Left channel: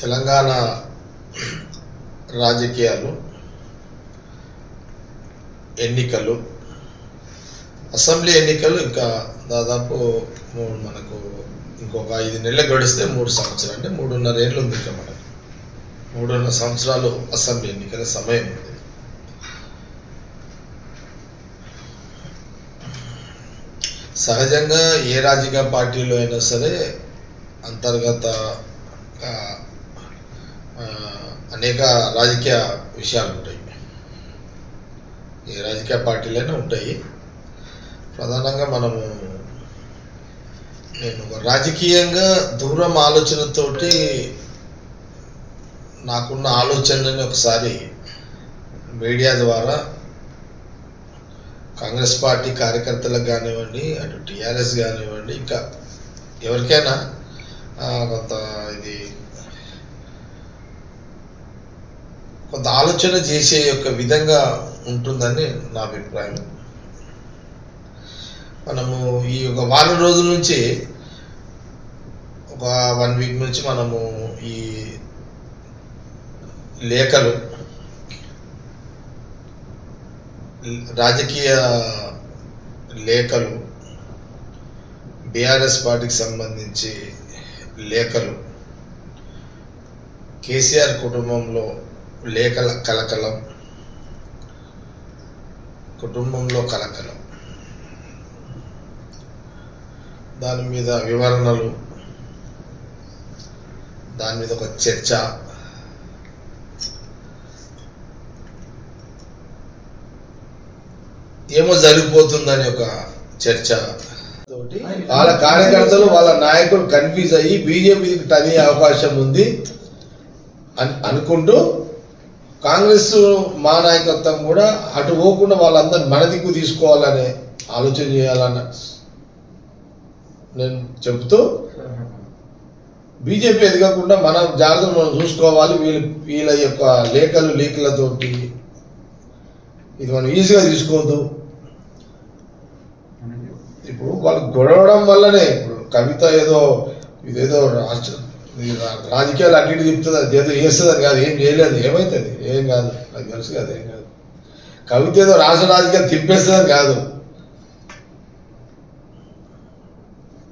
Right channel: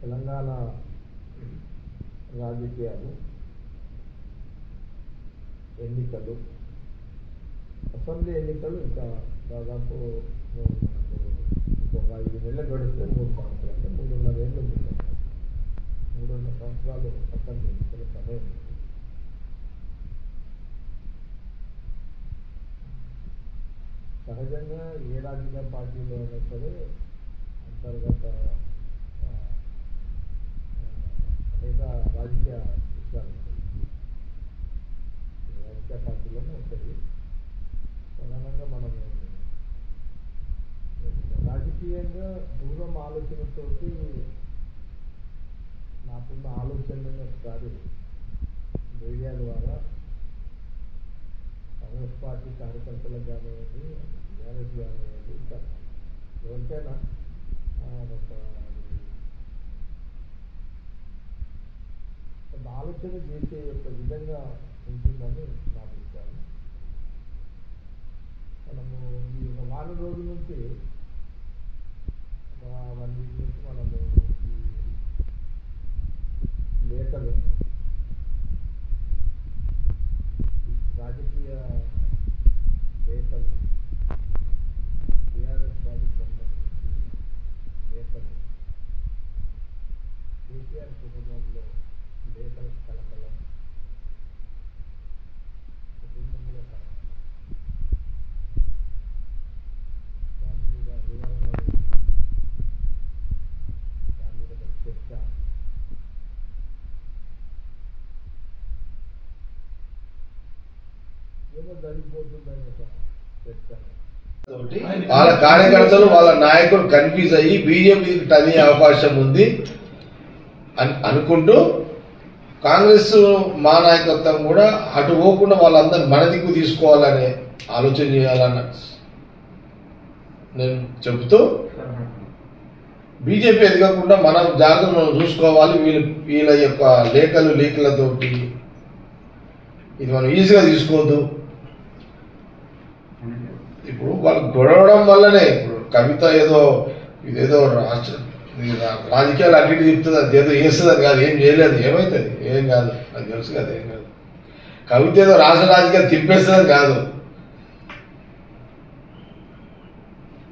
తెలంగాణ రాజకీయాలు, ఎన్నికలు, అసెంబ్లీ ఎన్నికలు ఇంకా దాదాపు మనకు ఇంకొక 5 నెలలు గడిస్తే 3 సంవత్సరాలు, అంటే 3.5 ఏళ్ళు ఉంది. ఇంకా మనకు 3.5 సంవత్సరాలు అసెంబ్లీ ఎన్నికల సమయం ఉంది. సహజంగా ఏ రాజకీయ పార్టీలో అయినా సరే అంతర్గత అనేక రాజకీయ విషయాలు ఉంటాయి. ఏ రాజకీయ పార్టీలైనా ఉంటాయి. ప్రధానంగా నేను రాజకీయంగా దూరం ఆలోచనతోటి నాకున్న ఆలోచనని ఒకసారి మీడియా ద్వారా కాంగ్రెస్ పార్టీ కార్యకర్తలకు కానివ్వండి, అటు టీఆర్ఎస్ కానివ్వండి, ఇంకా ఎవరికైనా కొంత ఆలోచన చేసే యొక్క విధంగా ఉంటుందని నా అభిప్రాయం. మనము ఈ ఒక వారం రోజుల నుంచి, ఒక 1 వీక్ నుంచి మనము ఈ లేఖలు, రాజకీయ లేఖలు, బీఆర్ఎస్ పార్టీకి సంబంధించి లేఖలు, కేసీఆర్ కుటుంబంలో లేఖల కలకలం, కుటుంబంలో కలకలం, దాని మీద వివరణలు, దాని మీద ఒక చర్చ, ఏమో జరిగిపోతుందని ఒక చర్చ తోటి వాళ్ళ కార్యకర్తలు, వాళ్ళ నాయకులు కన్ఫ్యూజ్ అయ్యి బీజేపీకి టనే అవకాశం ఉంది అని అనుకుంటూ, కాంగ్రెస్ మా నాయకత్వం కూడా అటు పోకుండా వాళ్ళందరినీ మన దిక్కు తీసుకోవాలనే ఆలోచన చేయాలన్న నేను చెబుతూ, బీజేపీ ఎదగకుండా మన జాగ్రత్తలు మనం చూసుకోవాలి. వీళ్ళ యొక్క లేఖలు లీకులతోటి ఇది మనం ఈజీగా తీసుకోవద్దు. ఇప్పుడు వాళ్ళు గొడవడం వల్లనే, ఇప్పుడు కవిత ఇదేదో రాజకీయాలు అన్నిటి చెప్తుంది, అది ఏదో చేస్తుంది కాదు, ఏం చేయలేదు, ఏమవుతుంది, ఏం కాదు, నాకు తెలుసు కదా, ఏం కాదు. కవిత ఏదో రాష్ట్ర రాజకీయాలు తిప్పేస్తుంది కాదు.